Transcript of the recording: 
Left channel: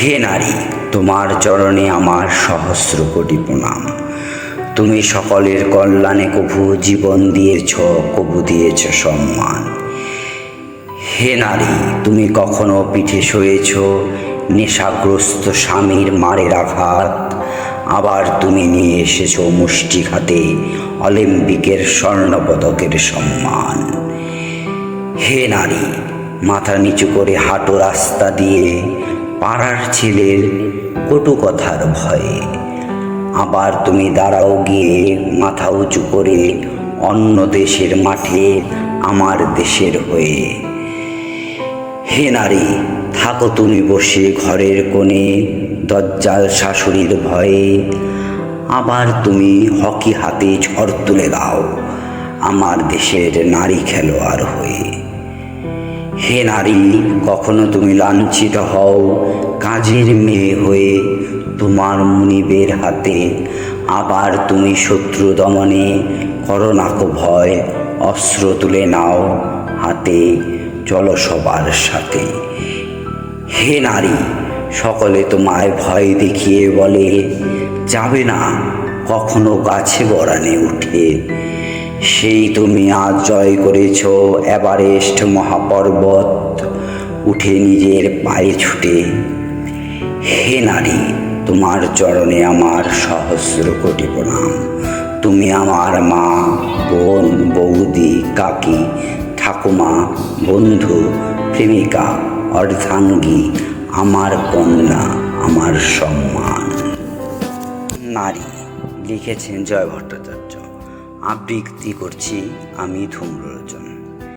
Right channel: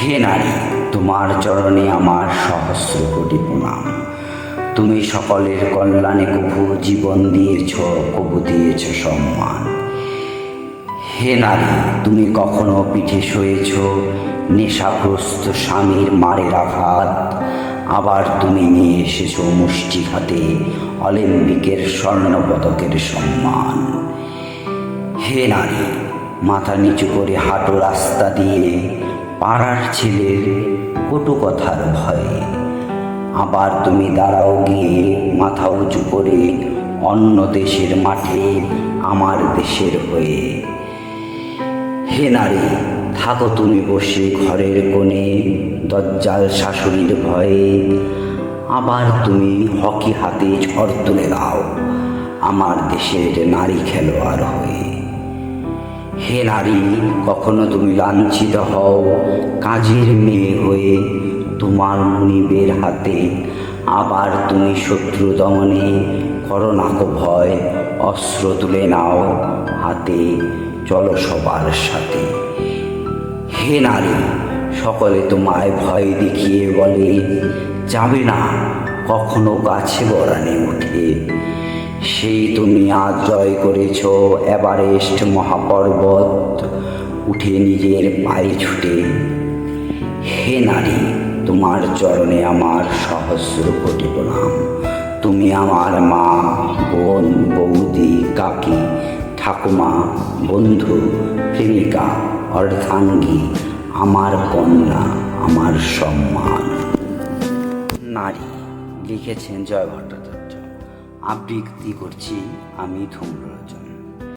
হে নারী, তোমার চরণে আমার সহস্র কোটি প্রণাম। তুমি সকলের কল্যাণে কভু জীবন দিয়েছ, কভু দিয়েছ সম্মান। হে নারী, তুমি কখনো পিঠে শুয়েছ নেশাগ্রস্ত স্বামীর মারের আঘাত, আবার তুমি নিয়ে এসেছ মুষ্টিঘাতে অলিম্পিকের স্বর্ণপদকের সম্মান। হে নারী, মাথা নিচু করে হাঁটু রাস্তা দিয়ে পাড়ার ছেলের কটু কথার ভয়ে, আবার তুমি দাঁড়াও গিয়ে মাথা উঁচু করে অন্য দেশের মাঠে আমার দেশের হয়ে। হে নারী, থাকো তুমি বসে ঘরের কোণে দজ্জাল শাশুড়ির ভয়ে, আবার তুমি হকি হাতে ঝড় তুলে দাও আমার দেশের নারী খেলোয়াড় হয়ে। হে নারী, কখনো তুমি লাঞ্ছিত হও কাজের মেয়ে হয়ে তোমার মুনিবের হাতে, আবার তুমি শত্রু দমনে করো না কো ভয়, অস্ত্র তুলে নাও হাতে, চলো সবার সাথে। হে নারী, সকলে তোমায় ভয় দেখিয়ে বলে যাবে না কখনো গাছে গড়ানে উঠে, সেই তুমি আজ জয় করেছ এভারেস্ট মহাপর্বত উঠে নিজের পায়ে ছুটে। হে নারী, তোমার চরণে আমার সহস্র কোটি প্রণাম। তুমি আমার মা, বোন, বৌদি, কাকি, ঠাকুমা, বন্ধু, প্রেমিকা, অর্ধাঙ্গী, আমার কন্যা, আমার সম্মান। নারী লিখেছেন জয় ভট্টাচার্য। আবৃত্তি করছি আমি ধূম্রলোচন।